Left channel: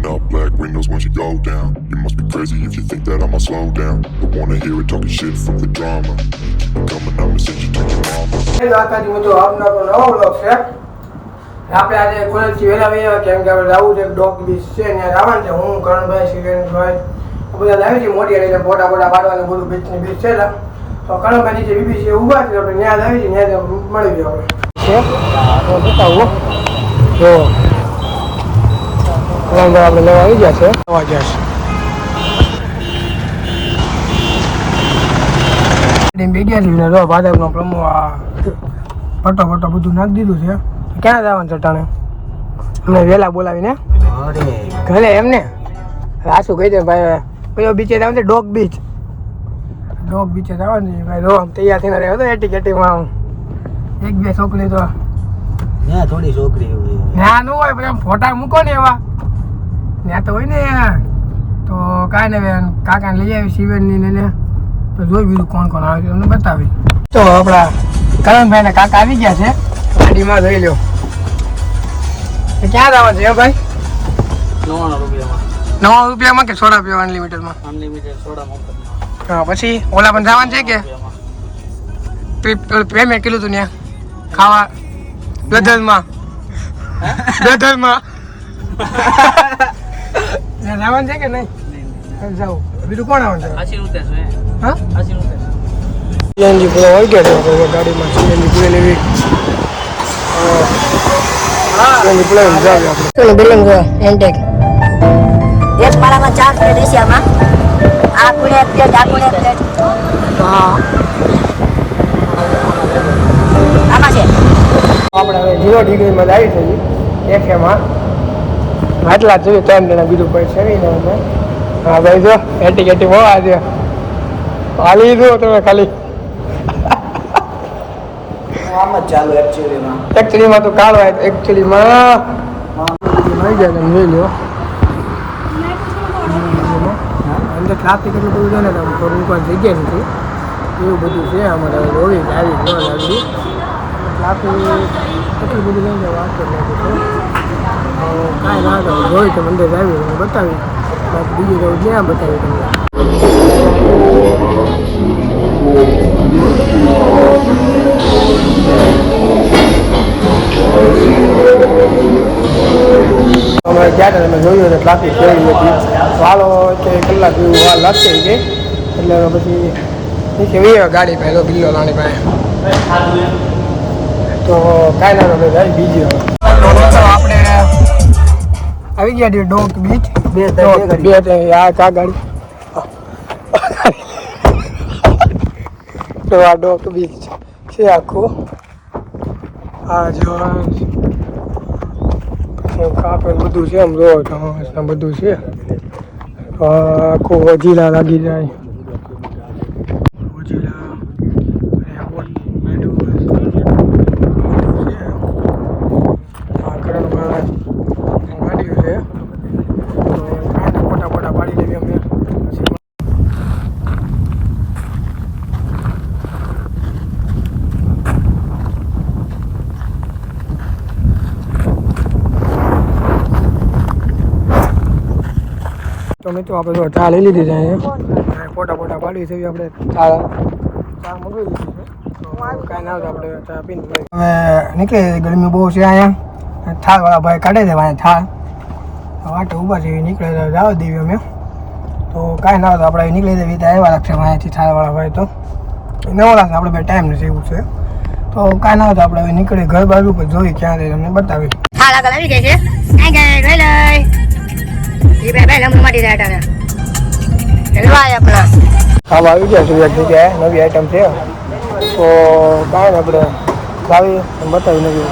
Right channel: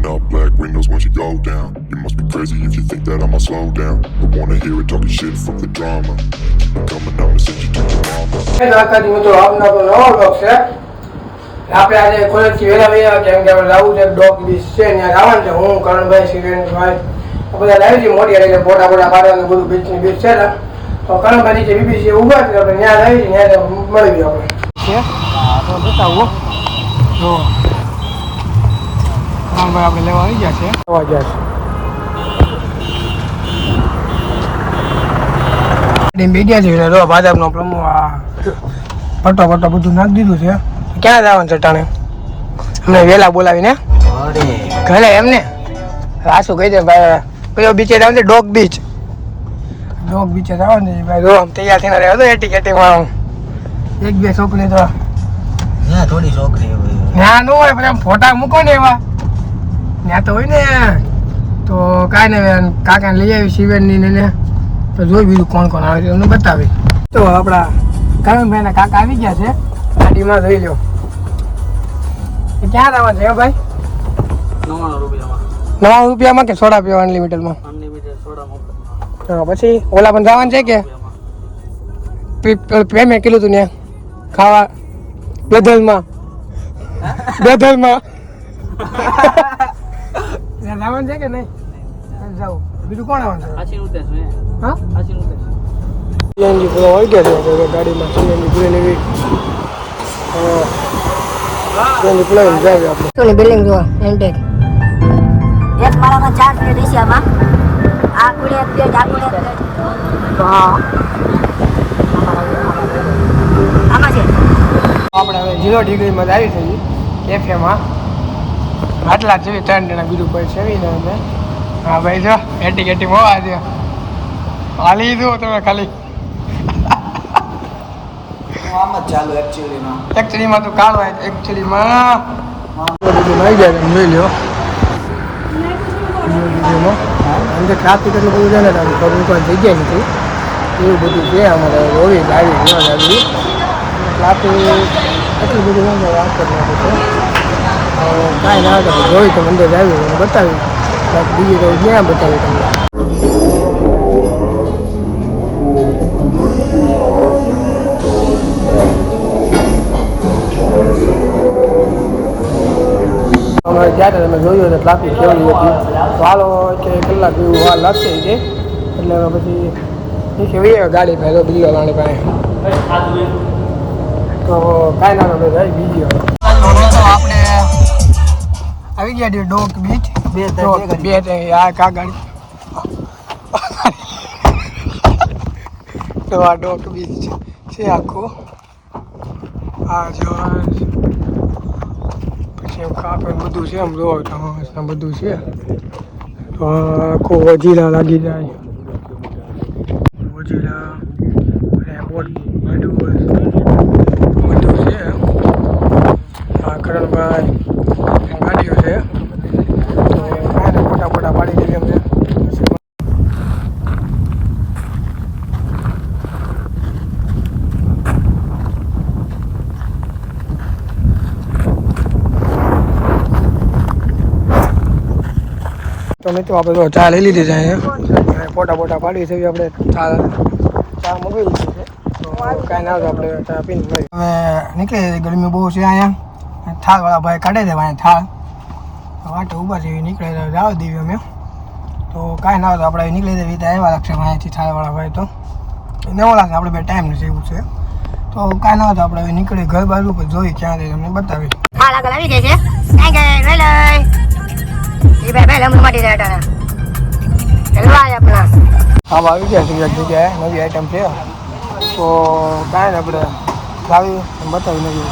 Rolling up black windows once you go down. You must be crazy if you think that I'ma slow down. Don't wanna hear it talking shit, fuck the drama. Keep it coming, I'ma send you to your mama. આપના નવો blog છે. આપણે આજે કોલેજથી વહેલા વહેલા કેમ કે લાવું છે ડોગ બીચ છે ત્યાં જવાનું છે. હું કરણભાઈ સિરેન્દ્રભાઈ બધા લાવી છે મોટી એટલે ફોટા પાડવાનું બધું બીચની બીચ છે ને તો કરણભાઈ નીચે બીબીસી ઊભા છે આપણે ત્યાં લાવી છે ત્યાં મળી ગયું આપણે છે તો બતાવું જો કરણભાઈ આપણે લેવા આવી ગયા છે આવવા ગયા છે મીડિયા છે જો ભાજપનો પ્રમુખ આ ફટો બધું નાખી દીધું છે. ક્યાં જવાનું છે ટાણે અમને વહેલા બોલાવીને ઘરે એમને રાસુ કહી દે ભાઈ કયો બીચે જવાનું છે ડોગ બીચે જવાનું છે ભાઈ જો આમ તૈયાર થઈને રહ્યો હતો એટીકેટીમાં એક બે છોકરી તો ના થોડી છોકરી હોય ના નો હોય પણ ફોટા મૂકો ને એવા ત્યાં તો હોય ને તો કાંઈ ને કાકાને લઈ આવી શિવેનની ને તો જોઈ બીજું કોણ આવે છે અમને બતાવી તો આપણા કરણભાઈના કાકા આવી ગયા છે ગાડીમાં જોઈ લો ક્યાં જવાનું છે ભાઈ 9 રૂપિયામાં કે સોડા પીવા અનલિમિટેડમાં હા પછી ઓલા પણ જવાનું છે કે પેમેન્ટ કીધું તું ત્યાં ખાવા દધલમાં જવાનું છે કે નહીં જાવ બીજું કોણ આવવાનું છે હા સીએનજી પૂરો આવી ગયા છે ગાડીમાં સીએનજી પૂરી લેવી સીએનજી પૂરાવીને જાવ આપણે બિલ્ડિંગ જો એન્ટેક એક માળામાં 4 પ્લેટ એશિયામાં આ પુણે પ્લેટ હા આમાં છે આપણે હવે 0 ડિગ્રીમાં જ આવી છે કેફેમાં આટલા જ જોઈએ 3 જણા બીજું કોઈ છે ને હા ભાઈ જો એટી હોવા છે હાલી દો તમે ખાલી આમ જ ચાલુ એકચ્યુઅલીમાં તો કાળો એકચ્યુઅલીમાં બધું નાઈ જાય તમે જોઈ લો અંદર ટ્રાફિક એટલું બધું છે ને તમે ફરવું કોઈ જગ્યા નથી એવું બધું છે અમારે જોવી ગાડી ન લાગી ટ્રાફિક એટલું બધું નહીં વાત જ નથી છે કાંઈ ના થાય જોઈ તો અંદર આવી બતાવી બીજું કંઈ ક્યાં બતાવી તમને અમારે ગયા હતા તમે જોયું એટલે ટ્રાફિક કેવી હતી વાલો કે કલાક જેવું વાર લાગશે છે એટલે પછી નીચે વી ગાડી પહેલો બિલ્લો લાણી પાસે તો કાંઈ ના આપણે જાય બીજી આપણે આવી ગયા છીએ ડોક બીચ બે આ કા ગાડી તો આ ડોક બીચ છે આખું આ જો કાપડ બધું છે આમ જો બધું છે આખું વજીરા લાગી જાય વજીરા બધું છે આ કરણભાઈ ગાડીઓ છે ફોટા પાડી દેવી અમને તો મિત્રો આપણે ચા લઈ લીધી છે અહીંયા ફોટા પાડી છે આપણે ચા મગવી લીધી છે તો કાંઈ ના આપણે ચા પીને હવે નીકળી ગરમી બહુ છે અહીંયા થાળવાળા ભાઈ કાઢે છે અહીંયા થાળ વાટે ઊભા છે નીકળે જવા દેવી અમે તો કાંઈ ના આપણે નીકળી જઈએ ત્યાં આવ્યા લાગશે અહીંયાથી થાળવાળા ભાઈ તો નવા લાગશે આપણે બે ટાઈમ નથી એવું છે તો કાંઈ ના આપણે હવે નીકળે ઘર બાજુ પર જોઈ ક્યાં રહી અમને બતાવી થાળ આગળ આવી ગઈ છે કઈ ગઈ લઈ એ ભાઈ લંબુ માટી જાય ટાણા હલવાય આપણા કામ આવી ગયા સુરત જગ્યાએ નવી આઈટમ છે તો કાંઈ ને આપણે લાવી બતાવી નવી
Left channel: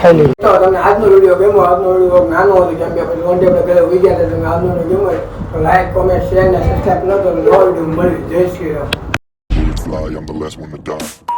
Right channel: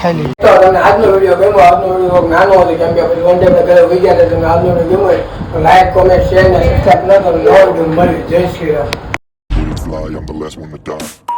ખાઈ લઈએ તો તમને આજનો વિડીયો ગમ્યો આજનો વિડીયો નાનો હતો કેમ કે પછી વન ડે ઘરે ઉઈ ગયા હતા તમને આજનો વિડીયો ગમ્યો તો લાઈક કોમેન્ટ શેર ને સબસ્ક્રાઈબ ન કરો નવો વિડીયો મળી જય Shri Ram. Fly, I'm the last one to die.